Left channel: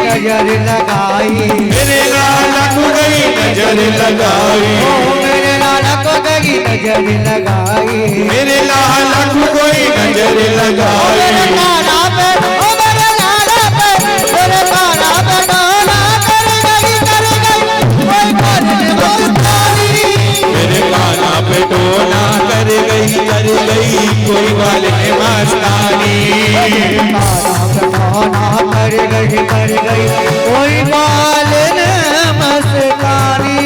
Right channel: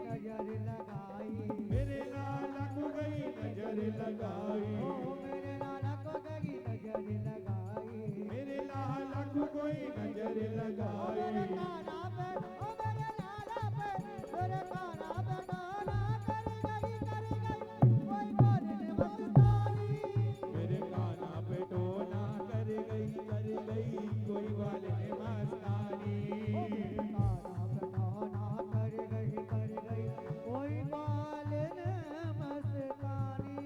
नजर लगाई, मेरे लाला को गई नजर लगाई, मेरे लाला को गई नजर लगाई, मेरे लाला को कोई नजर लगाई। मेरे लाला पे, ओ मेरे लाला पे, मेरे लाला पे डोला कर गई कोई करने मस्तानी, मेरे लाला पे डोला कर गई कोई वाले मस्तानी, कर गई कोई बालन मस्तानी।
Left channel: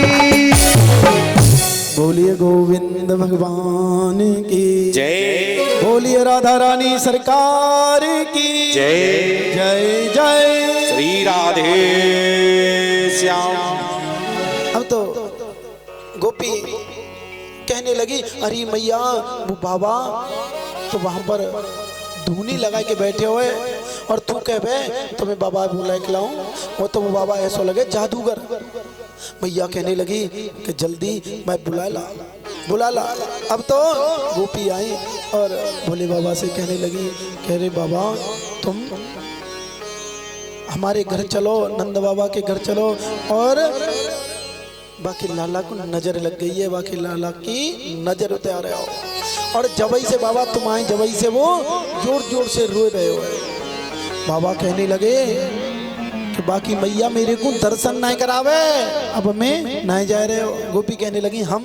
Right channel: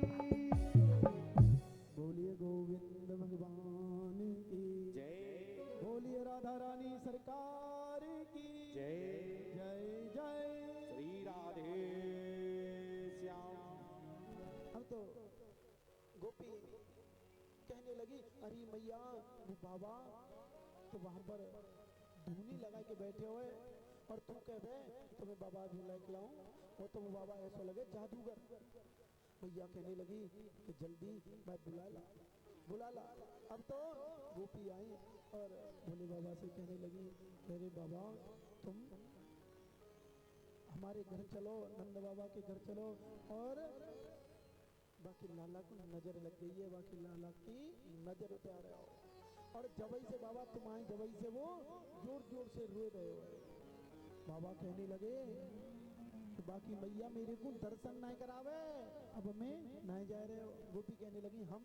बोलिए गोविंद भगवान की जय, बोलिए राधा रानी सरकार की जय जय जय श्री राधे श्याम। अब तो गोपी कहने लगी, अरे मैया वो बाबा तो वहां पर धूनी लगा के बैठे हुए और तू कह बे तुम्हें बाबा बुला के लाऊं, वो तो वो बाबा ऐसा लगे जादूगर। मैया कहने लगी कि जल्दी मैं बुला ला। अब तो गोपी आई और भोले बाबा से कहने लगी, कह रहे बाबा तुम हमारे घर चलो, नंद बाबा के घर चलो, और बाकी लाला को नजर लग गई है, बाकी लाला की नजर उतार रहे हो। और जबई से बाबा तुम आए, जबई से वो जोर जोर से रो रहे हो। बाबा कहने लगे कि बाकी मैया मेरे को दर्शन नहीं करावे, अब मैं नहीं जा रहे हो। गोपी कहने लगी हम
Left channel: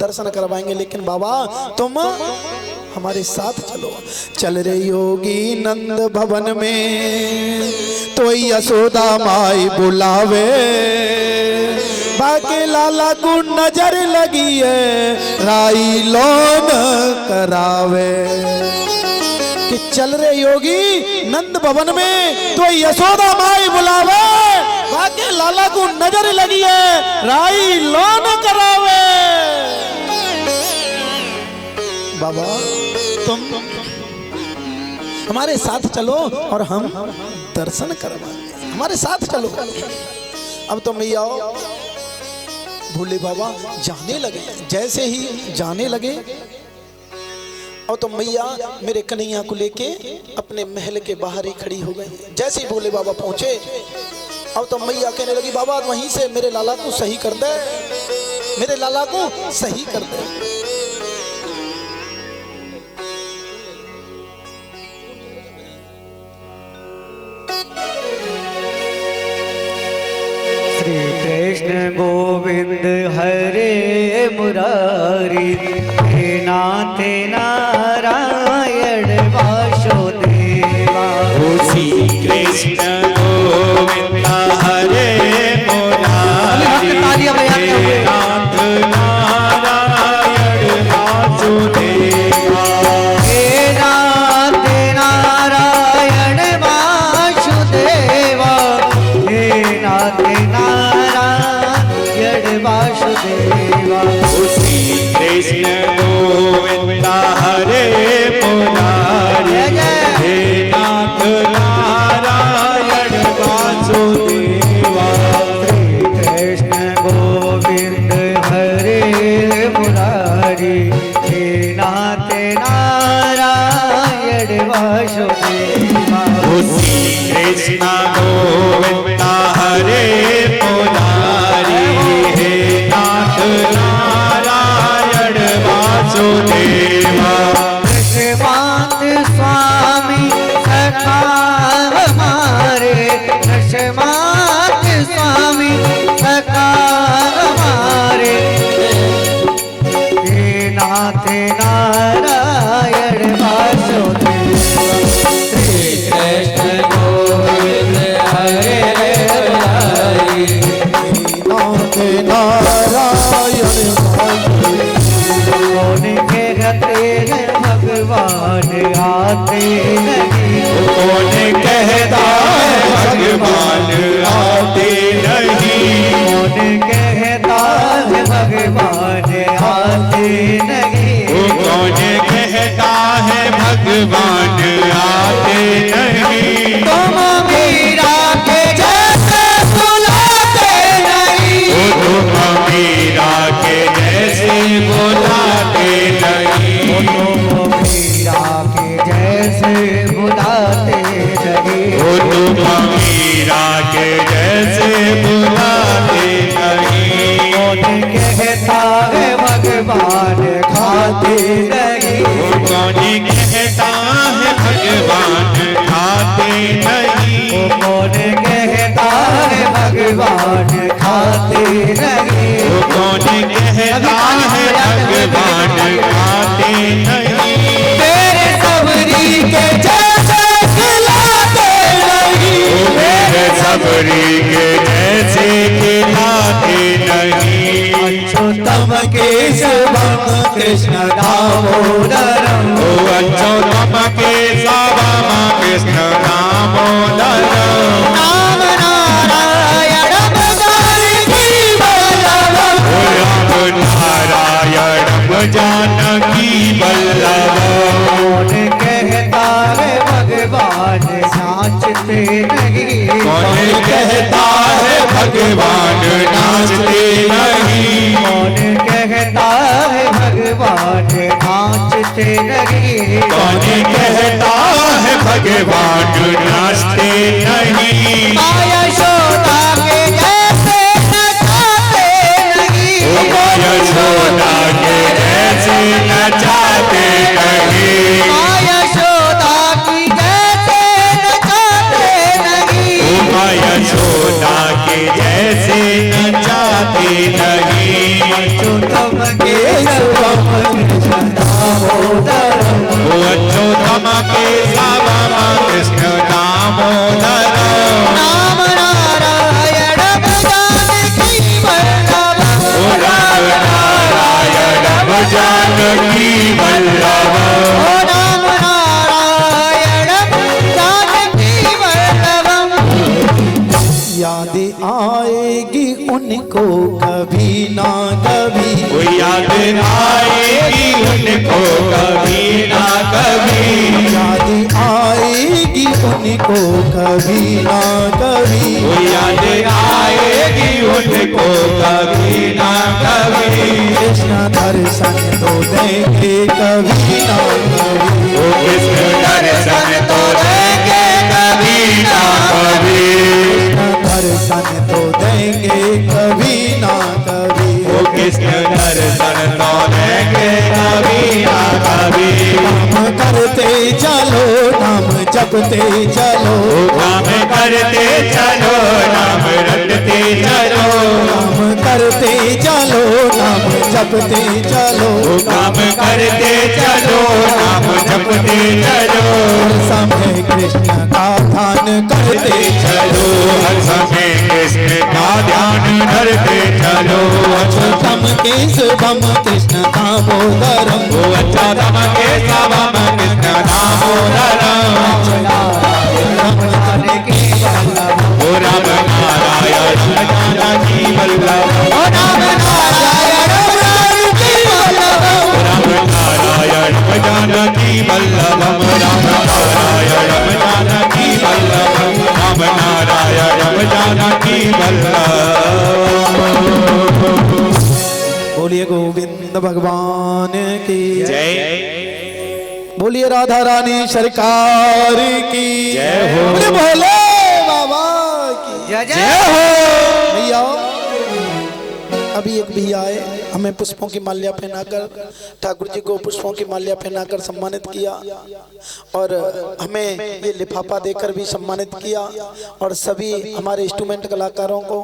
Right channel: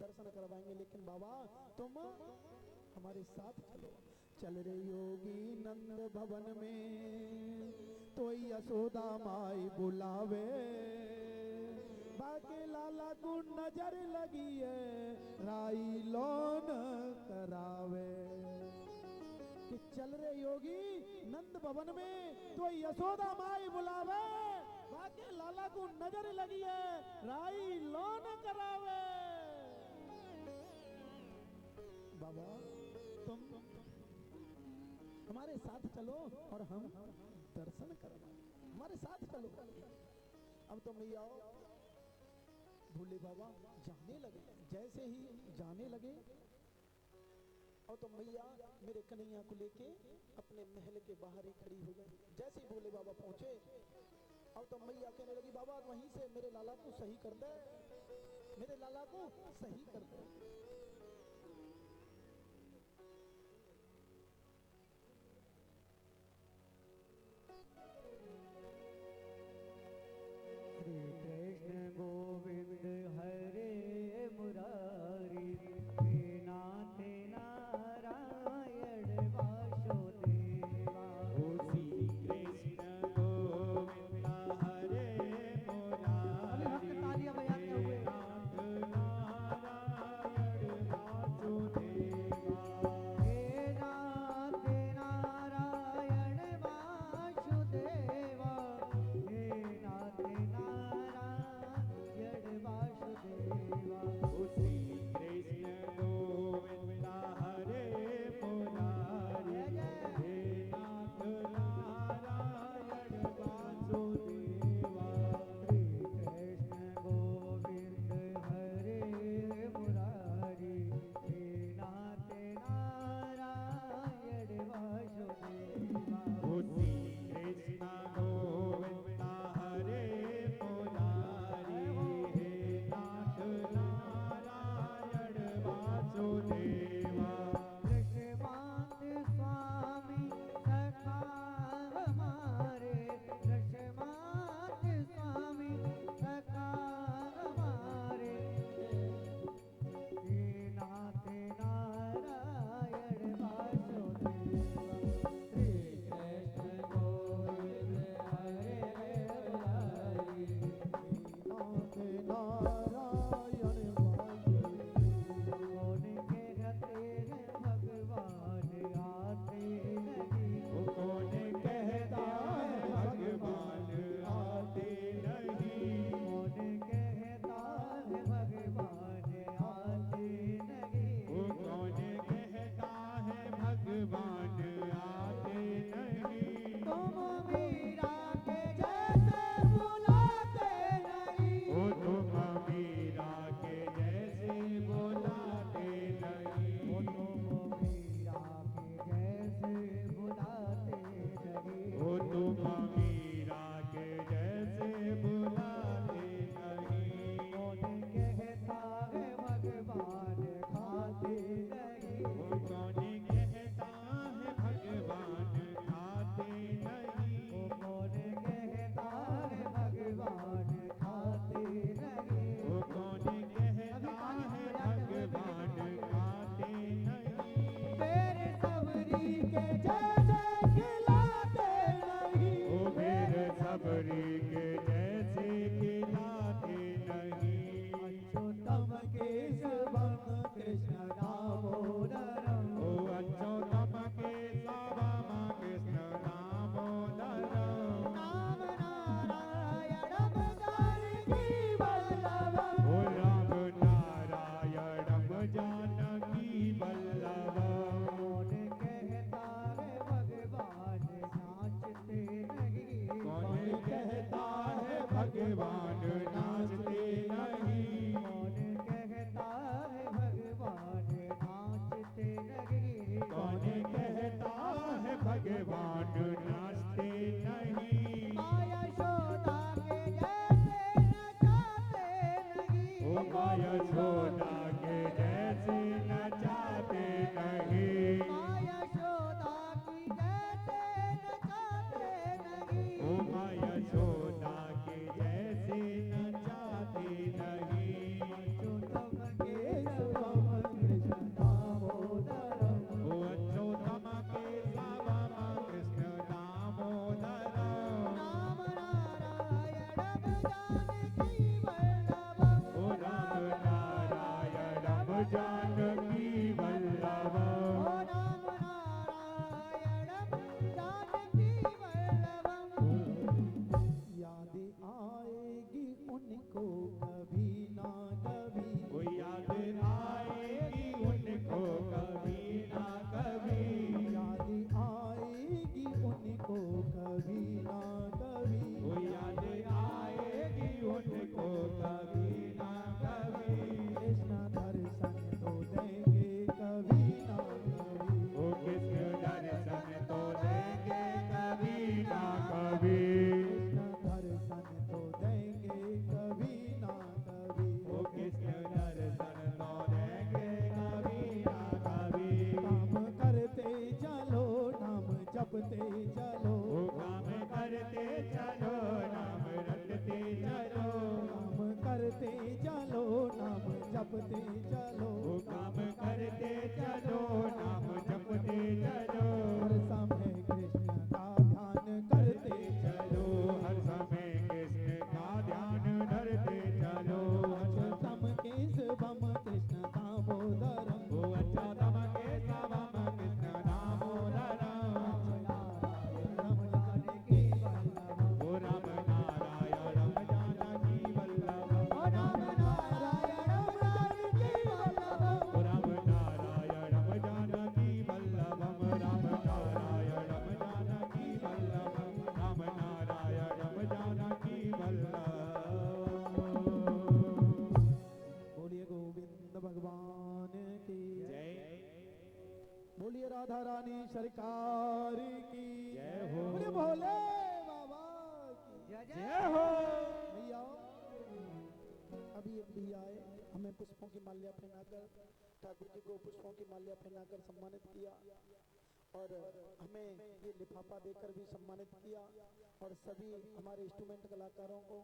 दर्शन करवाएंगे, लेकिन बाबा तुम हमारे साथ चलो। चल रही होगी नंद भवन में तो यशोदा माई बुलावे, बाकी लाला को नजर लगी है राई लोन करावे। कि चल रहे योगी नंद भवन में तो यशोदा माई बुलावे, बाकी लाला को नजर लगी है राई लोन करावे। बाबा तुम हमारे साथ चलो और हम दर्शन करवाएंगे, हमारे साथ चलो। अब तो मैया भोले बाबा जाने लगे। जैसे ही जाने लगे और तो मैया मेरे कन्हैया को लेके अपने महल के बाहर ही खड़ी हो गई। जैसे ही भोले बाबा पहुंचे अब तो मैया कहने लगी बाबा वहीं से मेरे लाला को सही कर दे, मेरे लाला को सही कर दे। श्री कृष्ण गोविंद हरे मुरारी, हे नाथ नारायण वासुदेवा। श्री कृष्ण गोविंद हरे मुरारी, हे नाथ नारायण वासुदेवा, हे नाथ नारायण वासुदेवा, हे नाथ नारायण वासुदेवा। श्री कृष्ण गोविंद हरे मुरारी, हे नाथ नारायण वासुदेवा। कृष्ण गोविंद हरे मुरारी, हे नाथ नारायण वासुदेवा। श्री कृष्ण गोविंद हरे मुरारी, हे नाथ नारायण वासुदेवा। नशमात स्वामी सखा हमारे, नशमात स्वामी सखा हमारे, हे नाथ नारायण वासुदेवा। श्री कृष्ण गोविंद दामोदरम ओ अच्युतम केशवम कृष्ण दामोदरम राम नारायणम जानकी वल्लभम ओ राम नारायणम जानकी वल्लभम कौन कहता है भगवान नाचते नहीं कौन कहता है भगवान नाचते नहीं कौन कहता है भगवान नाचते नहीं कौन कहता है भगवान नाचते नहीं माया यशोदा के जैसे नचाते नहीं ओ यशोदा के जैसे नचाते नहीं माया यशोदा की जैसे नचाते नहीं ओ यशोदा के जैसे नचाते नहीं अच्युतम केशवम कृष्ण दामोदरम ओ अच्युतम केशवम कृष्ण दामोदरम राम नारायणम जानकी वल्लभम ओ राम नारायणम जानकी वल्लभम ओ राम नारायणम जानकी वल्लभम याद आएगी उनको कभी ना कभी वो याद आएगी उनको कभी ना कभी याद आएगी उनको कभी ना कभी वो याद आएगी उनको कभी ना कभी कृष्ण दर्शन तो देंगे कभी ना कभी वो कृष्ण दर्शन तो देंगे कभी ना कभी कृष्ण दर्शन तो देंगे कभी ना कभी वो कृष्ण दर्शन तो देंगे कभी ना कभी नाम करते चलो नाम जपते चलो काम करते चलो नाम रटते चलो नाम करते चलो नाम जपते चलो काम करते चलो नाम जपते चलो हर समय कृष्ण का ध्यान करते चलो हर समय कृष्ण का ध्यान धरते चलो अच्युतम केशवम कृष्ण दामोदरम वो अच्छा तम के सबम कृष्ण दामोदरम जानकी वल्लभम ओ राम नारायण जानकी वल्लभ ओ राम नारायणम जानकी वल्लभम राम नारायण जानकी वल्लभम राम नारायण जानकी वल्लभम राम नारायण जानकी वल्लभ बोलिए गोविंद भगवान की जय बोलिए राधा रानी सरकार की जय हो। बोले भोले बाबा की जय जय भैया अभी एक भैया आए हमें पुष्पों की माल्या पहनाकर ठाकुर जी को पुष्पों की माल्या पहनाकर सम्मानित किया और हमें ये लिफाफा देकर भी सम्मानित किया और सभी हमारे इंस्ट्रूमेंट कलाकारों को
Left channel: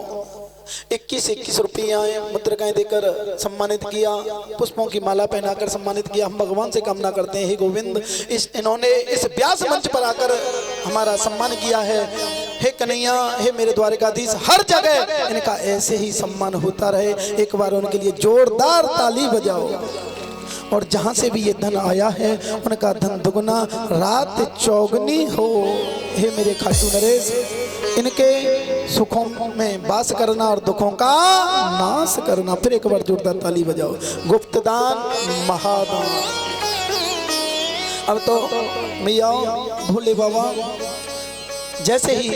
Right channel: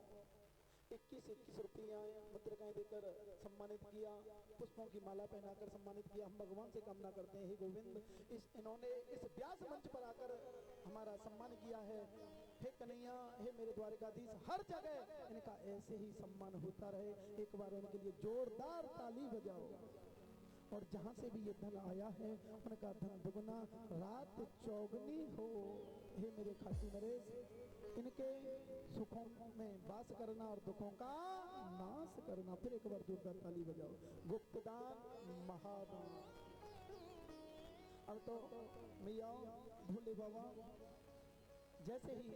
21 रुपये मुद्रिकाएं देकर सम्मानित किया, पुष्पों की माला पहनाकर सम्मानित किया। हम भगवान से कामना करते हैं हे गोविंद इन्होंने इस व्यास मंच पर आकर हमारा सम्मान किया है। हे कन्हैया, हे मेरे द्वारकाधीश, हर जगह इनका ऐसे ही सम्मान होता रहे। एक बार उनके लिए जोरदार ताली बजाओ। और जहां से भी ये धन आया है उनका धन दुगना रात चौगनी हो। हे मेरे खाटू नरेश, इनके सुखों में वास करना और दुखों का नाश करना। फिर एक बार जोरदार ताली बजाओ। गुप्तदान महादान। अब तो मैया भोले बाबा जैसे ही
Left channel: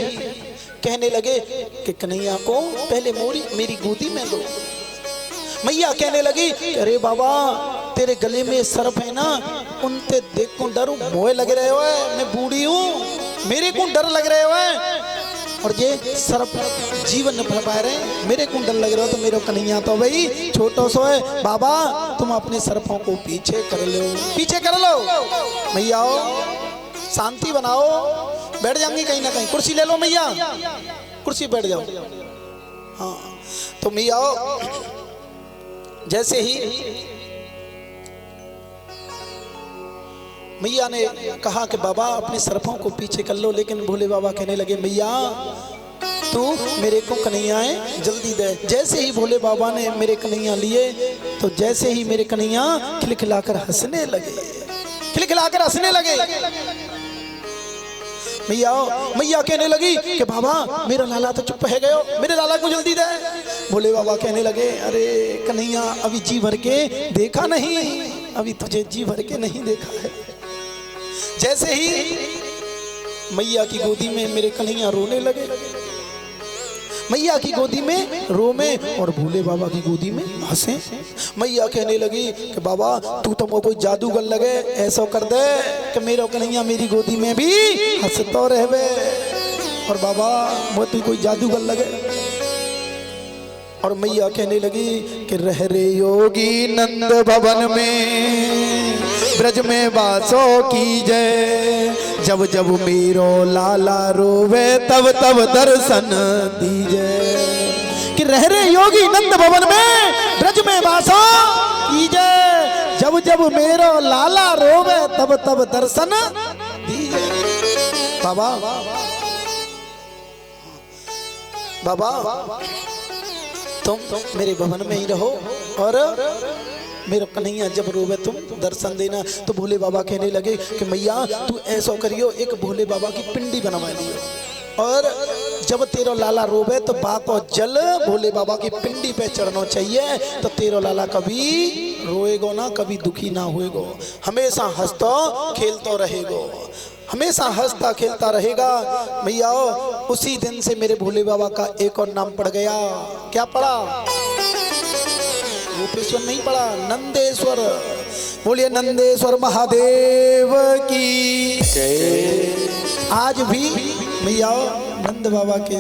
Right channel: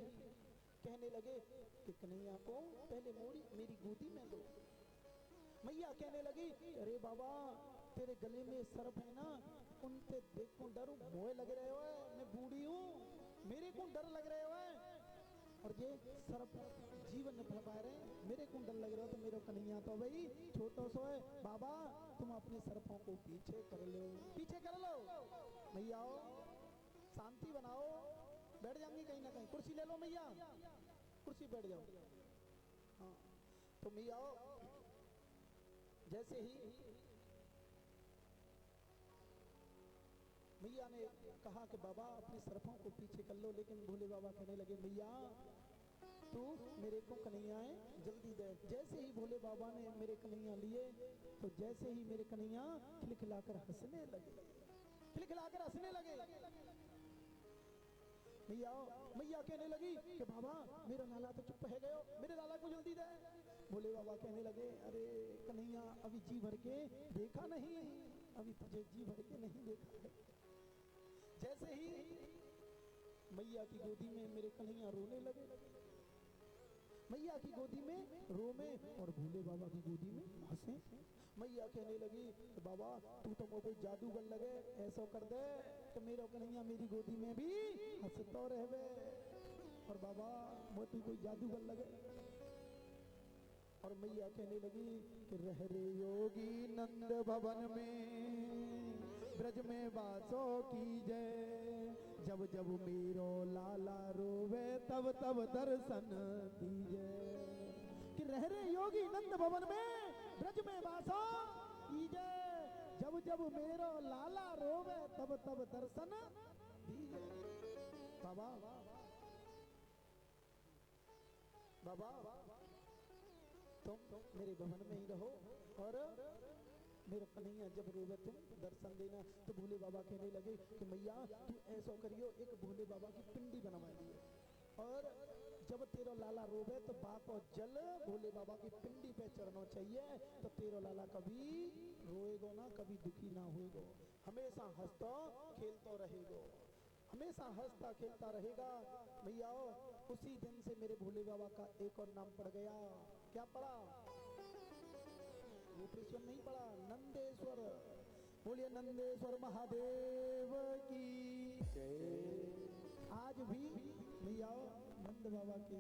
कहने लगे कि कन्हैया को पहले मेरी गोदी में दो, मैया कहने लगी अरे बाबा तेरे गले में सर्प है ना, उनसे देख को डर मोए लग रहे हो, मैं बूढ़ी हूँ, मेरे को डर लग रहे हो और ये सर्प जीवन न भर पा रहे, मेरे को डर लग रहा हो। तो मेरे कन्हैया तो भाई छोटो सो है, बाबा तुम अपने सर्पों को पीछे कर लो, पीछे कर लो। मैया आओ, शांति बनाओ, बैठ जाएंगी कहीं ना कहीं, कुर्सी ले लो मैया, कुर्सी बैठ जाओ। हाँ तो मैया आओ, जैसे ही मैया ने कहा कि बाबा अपने सर्पों को पीछे कर लो, लेकिन भोले बाबा कहने लगे मैया तू मेरे को कन्हैयाएं जल्दी दे। जैसे ही भोले बाबा ने मेरे कन्हैया लिए तो जैसे ही मेरे कन्हैया खिलखिलाकर हंसने लगे, खिलखिलाकर हंसने लगे। मैया कहने लगी कि बाबा मेरा लाला तो चुप है गयो, मेरे लाला को जल्दी दे। भोले बाबा कहने लगे अरे कन्हैया अभी जी भर के देखा नहीं, अभी तुझे जी भर के नहीं देखा है। जैसे ही मैया की गोदी में मेरे कन्हैया रोने लगे, मैया की गोदी में रोमे और भोले बाबा की गोदी में हंसे। मैया कहने लगी कि बाबा तू तो कोई जादूगर लगे, ऐसा कर दे कि मेरा कन्हैया मेरी गोदी में भी हंसतो रहवे। और बाबा वो तू कोई जादूगर लगे। और मैया कहने लगी कि रह रे योगी नंद भवन में ब्रज में वासो की जय, जब जब मेरो लाला रोवे तब तब दर्शन दीजे। कि रह रे योगी नंद भवन में ब्रज में वासो की जय, जब जब मेरो लाला रोवे तब तब दर्शन दीजे। बाबा बाबा तुम मेरे भवन में ही रहो और मेरा कन्हैया जब रोवे तुम दर्शन देना। तो भोले बाबा कहने लगे कि मैया तू ऐसा करियो, एक भोले बाबा की पिंडी बनवा लियो और जब तेरा लाला रोवे तो बाको जल भोले बाबा की पिंडी पे चढ़ना चाहिए, तो तेरा लाला कभी रोएगो ना, कभी दुखी ना होएगो, हमेशा हंसतो खेलतो रहेगो, हमेशा हंसता खेलता रहेगा। भैया उसी दिन से मेरे भोले बाबा का एक और नाम पड़ गया। क्या पड़ा? रूपेश्वर नहीं पड़ा, नंदेश्वर। बोलिए नंदेश्वर महादेव की जय। आज भी भैया नंद बाबा के,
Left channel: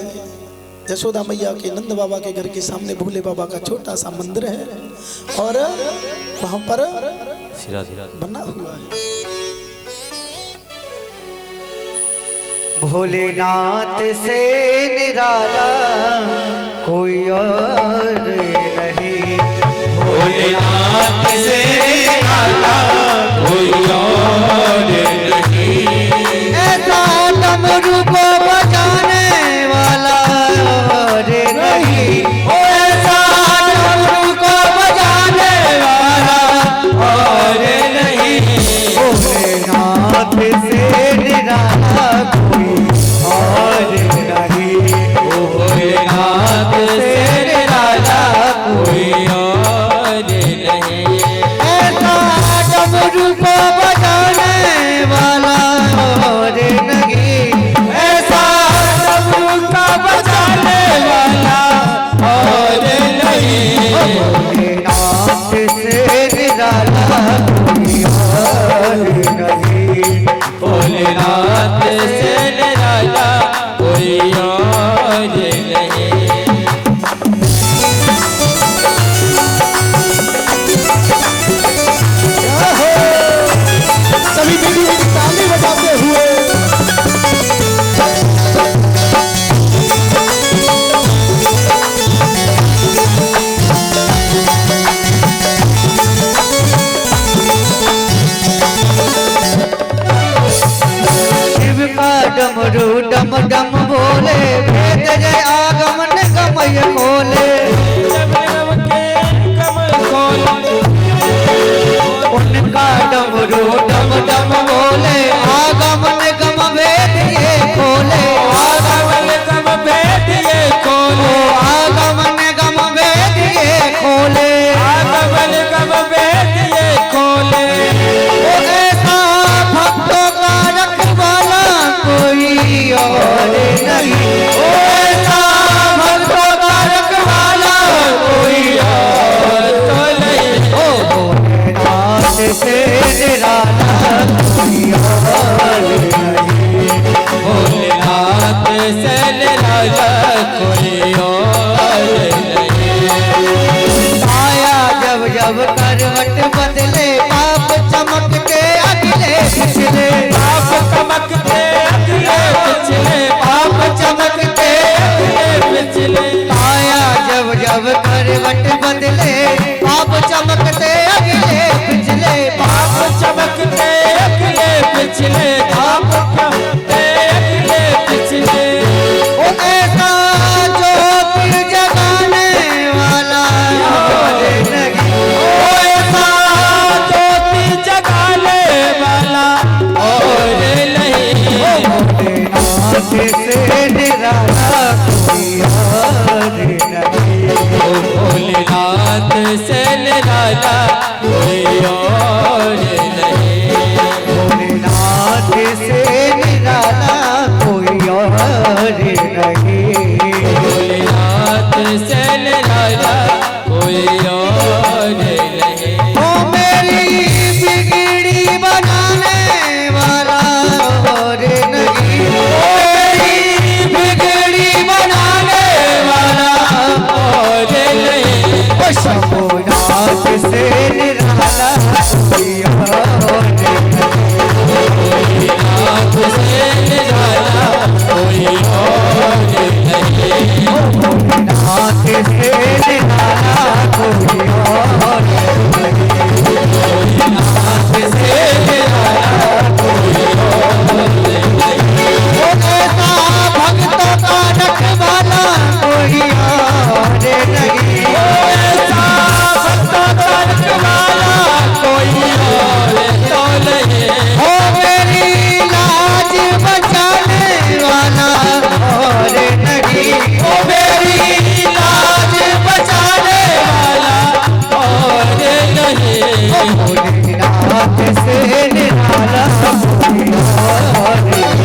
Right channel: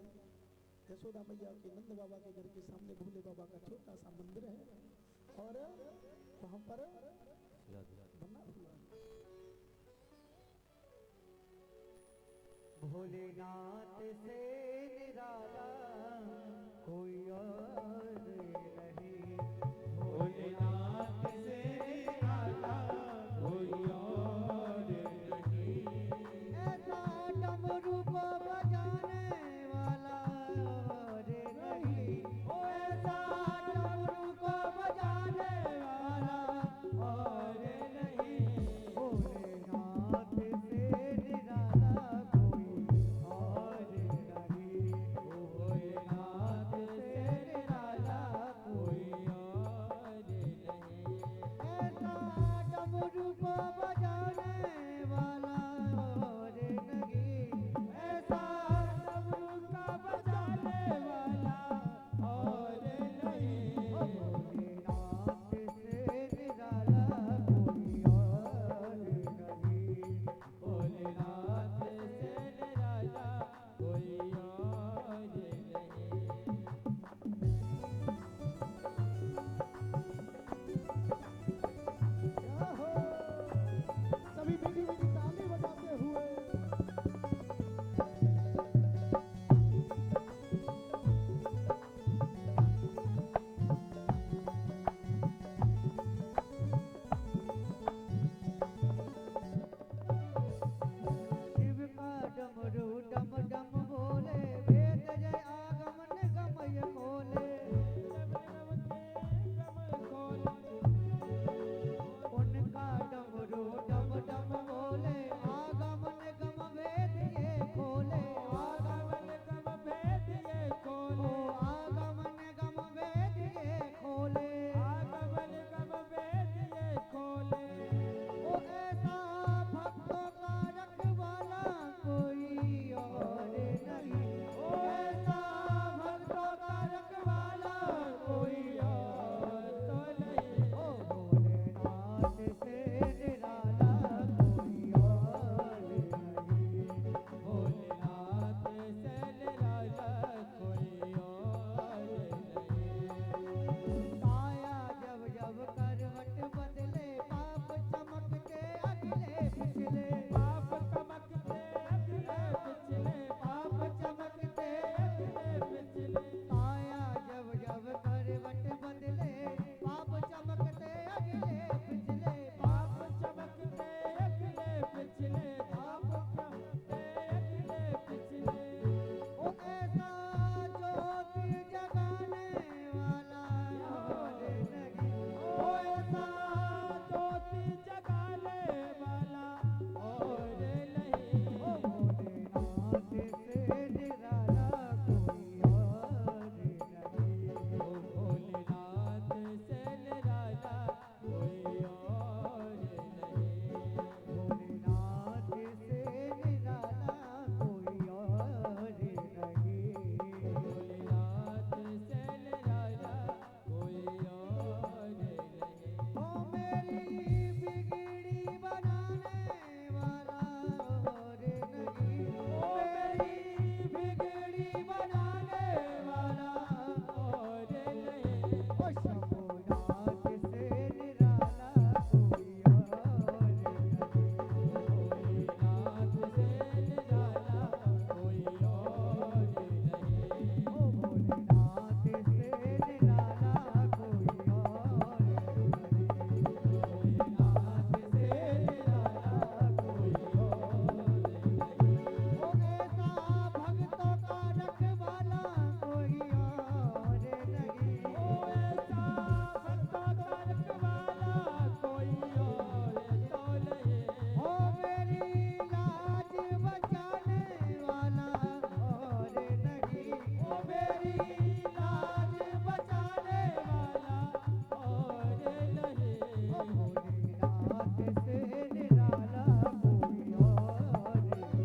यशोदा मैया के, नंद बाबा के घर के सामने भोले बाबा का छोटा सा मंदिर है और वहां पर बना हुआ है भोलेनाथ से निराला कोई और नहीं, भोलेनाथ से निराला कोई और नहीं, ऐसा डमरू को बजाने वाला और नहीं, ऐसा डमरू को बजाने वाला और नहीं, भोलेनाथ से निराला कोई और नहीं, भोलेनाथ से निराला कोई और नहीं, ऐसा डमरू को बजाने वाला और नहीं, ऐसा डमरू का बजाने वाला और नहीं, भोलेनाथ से निराला कोई और नहीं, भोलेनाथ से निराला कोई और नहीं। सभी बेटी बेटी ताली बजाते हुए शिव का डमरू डम डम बोले, भेद जय आगमन गमय खोले, उनका डमरू डम डम बोले, आगमन गम भेद ये खोले, आगमन गम भेद ये खोले, आगमन गम भेद ये खोले, आगमन गम भेद ये खोले, वो ऐसा भक्तों का रखवाला कोई और नहीं, वो ऐसा भक्तों का रखवाला कोई और तो नहीं, भोलेनाथ से निराला कोई और नहीं, भोलेनाथ से निराला कोई और नहीं, आया जब जब करवट बदले, पाप चमकते अगले पिछले, पाप चमकते अगले पिछले, पाप चमक से निराला कोई और नहीं। ओ भोलेनाथ से निराला कोई और नहीं। भोलेनाथ से निराला कोई और नहीं। भोलेनाथ से निराला कोई और नहीं। ओ मेरी बिगड़ी बनाने वाला और नहीं। मेरी बिगड़ी बनाने वाला और नहीं। ओ शंभुनाथ से निराला कोई और नहीं। नाथ से निराला कोई और नहीं। भोलेनाथ से निराला कोई और नहीं। नाथ से निराला कोई और नहीं। वो ऐसा भक्तों का रखवाला कोई और नहीं। ऐसा भक्तों का रखवाला कोई और तो नहीं। हो मेरी लाज बचाने वाला और नहीं। ओ मेरी लाज बचाने वाला और नहीं। भोलेनाथ से निराला कोई और नहीं।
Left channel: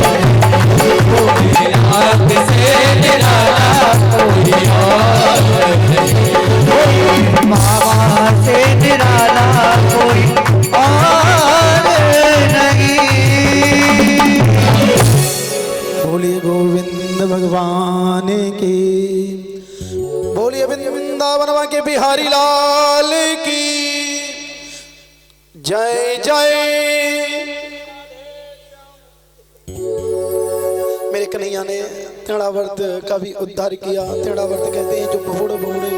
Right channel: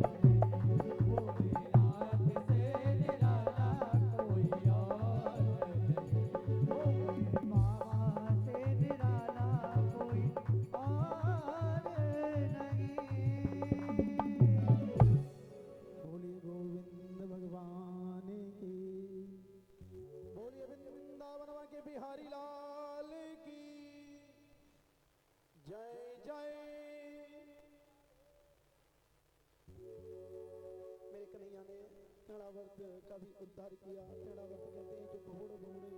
नाथ से निराला कोई और नहीं। बाबा से निराला कोई और नहीं। बोलिए गोविंद भगवान की। बोलिए वृंदावन के बिहारी लाल की जय जय। मेरे कन्हैया ने तेड़ावर्त का भी उद्धार किया। तेड़ावर्त कहते हैं जो भोड़ भोड़े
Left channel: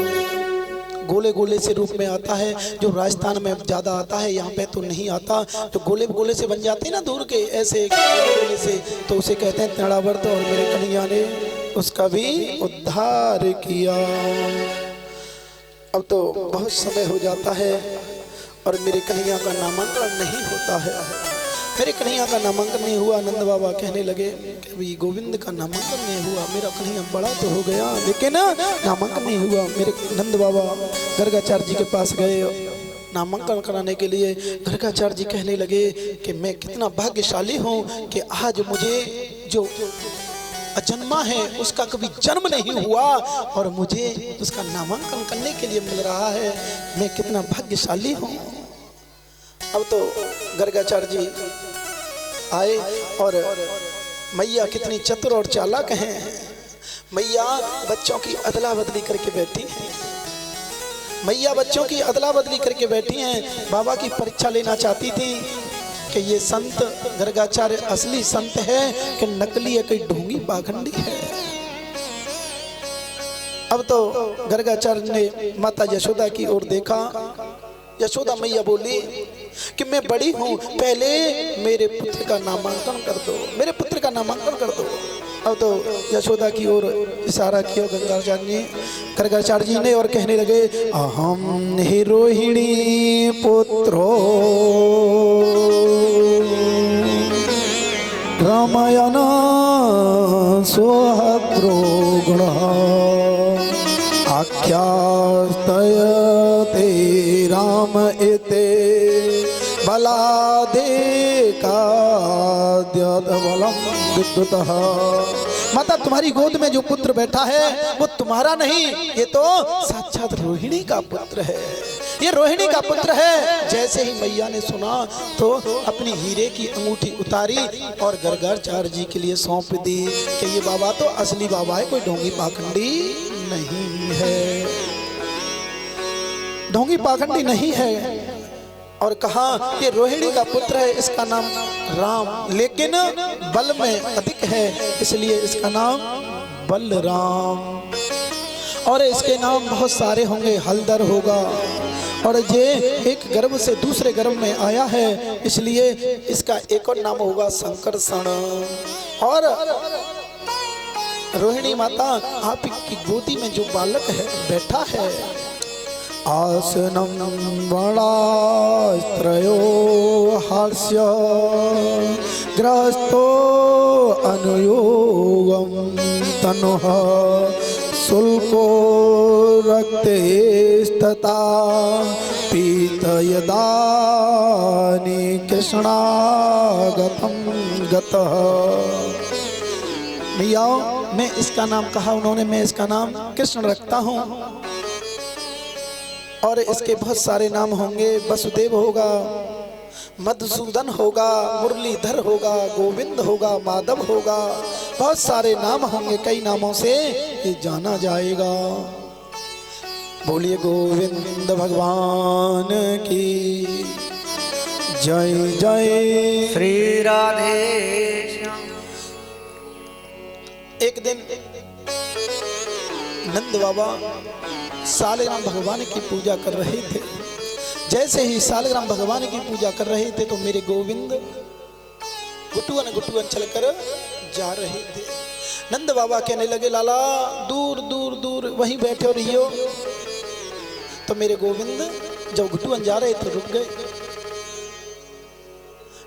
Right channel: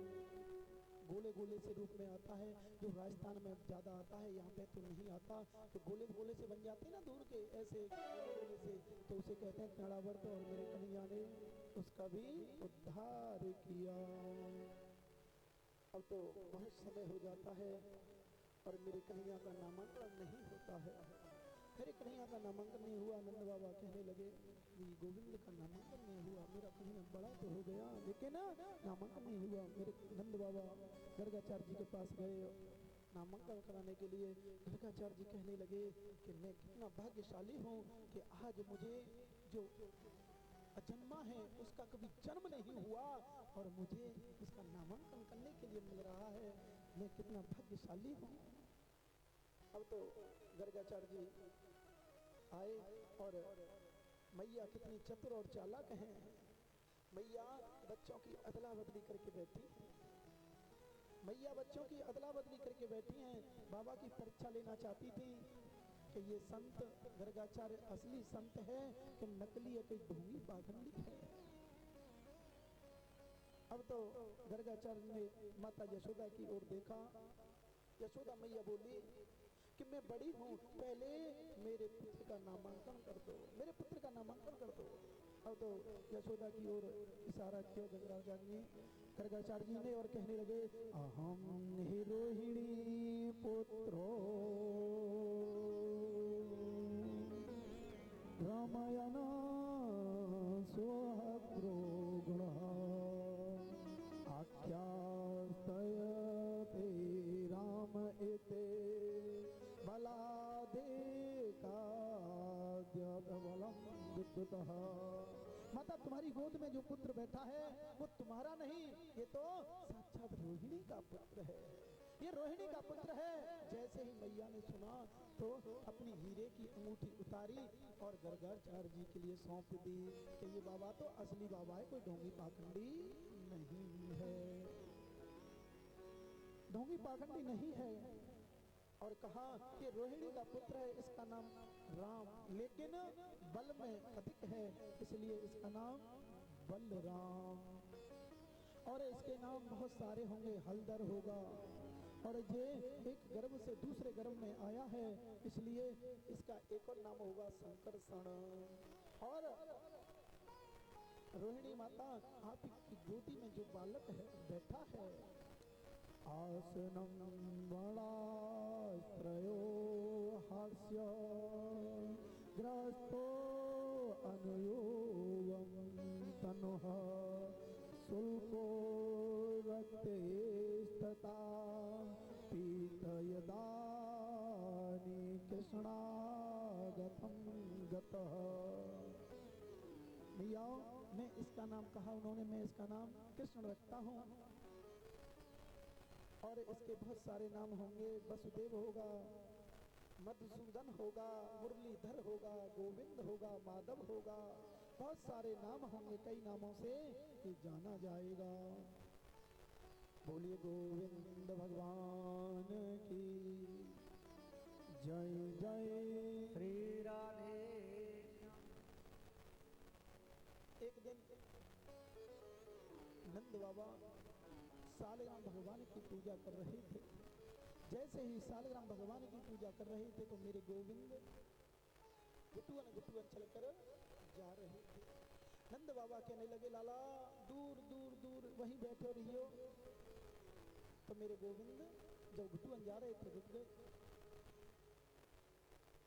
गोले गोले से रूप में आता है, जो राजस्थान में ज़्यादा आता है, यहाँ पे तो नहीं आता। जो गोले गोले से बन जाते हैं ना दूर के ऐसे गोले गोले से, तो उसे कहते हैं तेड़ावर्त। और मेरे कन्हैया ने उसका भी उद्धार किया। अब तो बहुत समय हो जाता है और मेरे कन्हैया का नामांकन नहीं होता है। मेरे कन्हैया का नामांकन नहीं हुआ। नंद बाबा कहने लगे कि अभी गोविंद का नामांकन नहीं हुआ। मेरा कन्हैया बड़ा तो हो गया लेकिन नामांकन नहीं हुआ। मेरे नंद बाबा गर्गाचार्य जी के पास गए नामांकन कराने के लिए। गर्गाचार्य जी कहने लगे कि मैं कितना भाग्यशाली हूँ कि आज मुझे जो अजन्मा है उसका कभी जन्म नहीं हुआ और मुझे उसका नामांकन करने के लिए मिल रहा है। मैं कितना भाग्यशाली हूँ। अब तो गर्गाचार्य जी आए और मैया कितनी चतुर और चालाक हैं। मैया बच्चों की अदला बदली करके बैठी हैं। मैया बच्चों की अदला बदली करके बैठी हैं। बाबा की परीक्षा लेना चाहती थी कि ये संत गर्गाचार्य असली संत है कि नकली है, कोई ढोंगी पाखंडी है। अब तो गर्गाचार्य ने माता यशोदा की ओर देखा। यशोदा मैया बोली कि मैं बड़ी हूँ, पहले मेरे पुत्र का नामांकन कर दो, मेरे पुत्र का नामांकन कर दो। अब तो यशोदा की ओर इशारा किया गर्गाचार्य जी ने और कहने लगे अहम हि रोहिणी पुत्रो रामायण सोहद्रो गुण आख्यास्तयते राम इते बलादे काद्यबलम विद्युतः। माता तुम्हारी गोद में जो पुत्र बैठा है वो तुम्हारा नहीं, ये तो साक्षात रोहिणी का पुत्र है। ये रोहिणी का पुत्र है। जैसे ही मैया ने सुना तो अपनी हीरे की अंगूठी उतारी और गर्गाचार्य जी के लिए सौंप दी कि ये बाबा तो असली बाबा है, कोई ढोंगी पाखंडी नहीं है, ढोंगी पाखंडी नहीं है। और कहा ये रोहिणी का पुत्र है, इसका नाम राम, लेकिन बल में अधिक है इसलिए इसका नाम बलराम। और इसके नाम बहुत सारे होंगे, हलदर होगा। और ये एक गर्भ से दूसरे गर्भ में आया है इसलिए इसका एक और नाम होगा संकर्षण। और रोहिणी माता आपकी गोदी में जो बालक है बैठा है, आसनम वणास्त्रयो हास्य ग्रस्तो अनुयोग तनुः शुल्को रक्तेस्तथा पीतयदानि कृष्णागतं गतः। भैया मैं इसका नाम कहा उन्होंने, मैं इसका नाम कृष्ण रखता हूँ और इसके बहुत सारे नाम होंगे। वसुदेव होगा, मधुसूदन होगा, मुरलीधर होगा, गोविंद होगा, माधव होगा, बहुत सारे नाम होंगे। कई नामों से ये जाना जाएगा। बोलिए गोविंद भगवान की जय जय। श्री राधे। एक दिन नंद बाबा सालग्राम भगवान की पूजा कर रहे थे। जैसे ही सालग्राम भगवान की पूजा कर रहे थे तो मेरे गोविंद गुटुअन गुटुअन चलकर जा रहे थे। नंद बाबा कहने लगे लाला दूर दूर दूर वहीं बैठे हो रहियो। तो मेरे गोविंद जब गुटुअन जा रहे थे रुक गए।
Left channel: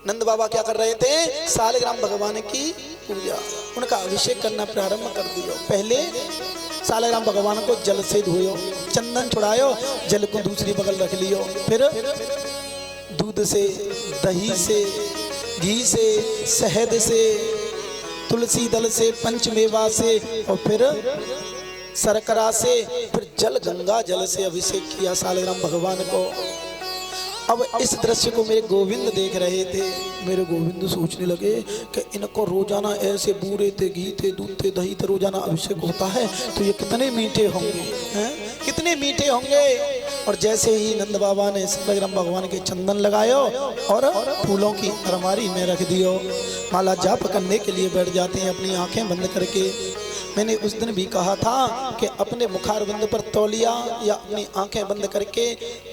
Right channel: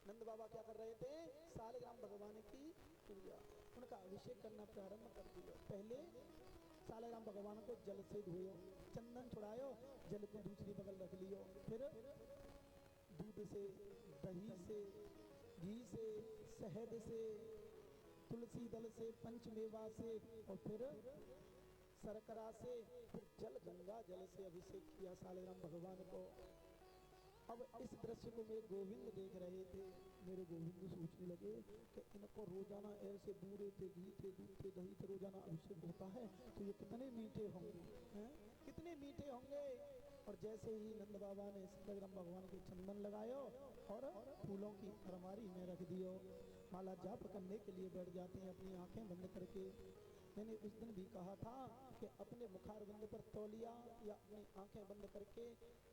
नंद बाबा क्या कर रहे थे? सालग्राम भगवान की पूजा, उनका अभिषेक करना प्रारंभ कर दियो। पहले सालग्राम भगवान को जल से धोयो, चंदन छुड़ायो, जल को दूसरी बगल रख लियो। फिर दूध से, दही से, घी से, शहद से, तुलसी दल से, पंचमेवा से और फिर शर्करा से, फिर जल गंगा जल से अभिषेक किया सालग्राम भगवान को। अब इस दृश्य को मेरे गोविंद देख रहे थे। मेरे गोविंद सोचने लगे कि इनको रोजाना ऐसे बूरे थे, घी थे, दूध थे, दही थे, रोजाना अभिषेक होता है तो ये कितने मीठे होंगे, हैं? कितने मीठे होंगे। और जैसे ही नंद बाबा ने सालग्राम भगवान के चंदन लगायो और फूलों की अलमारी में रख दियो। माला जाप करने के लिए बैठ जाते हैं अपनी आंखें बंद करके। मैंने उस दिन भी कहा था कि अपने मुखारविंद पर तौलिया या अपनी आंखें बंद करके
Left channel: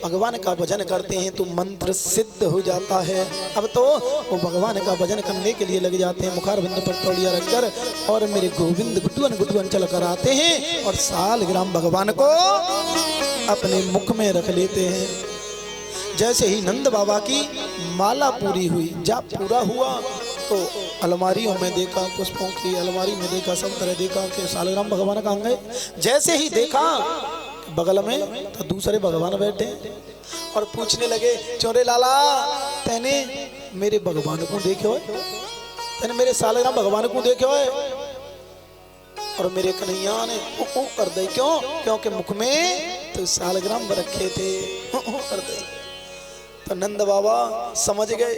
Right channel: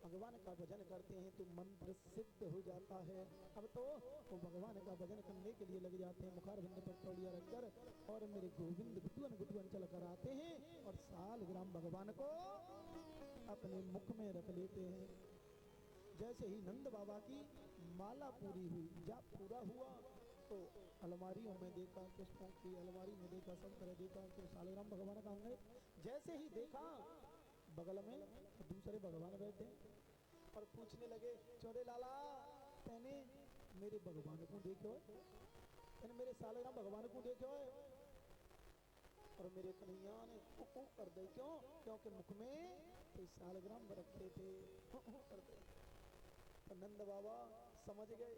भगवान का भजन करते हैं तो मंत्र सिद्ध हो जाता है। अब तो वो भगवान का भजन करने के लिए लग जाते हैं मुखारविंद पर तौलिया रखकर। और मेरे गोविंद गुटुअन गुटुअन चल कर आते हैं और सालग्राम भगवान को अपने मुख में रख लेते हैं। जैसे ही नंद बाबा की माला पूरी हुई, जाप पूरा हुआ तो अलमारियों में देखा, पुष्पों की अलमारी में देखा, सब तरह देखा कि सालग्राम भगवान कहाँ गए। जैसे ही देखा बगल में तो दूसरे भगवान बैठे और पूछने लगे चोरे लाला तैने मेरे भगवान को देखे हो, तैने मेरे सालग्राम भगवान को देखे हो। और मेरे कन्हैया ने ऊ कर दे। क्यों? क्योंकि मुख में तो सालग्राम रखे थे, कर दे। तो नंद बाबा समझ गए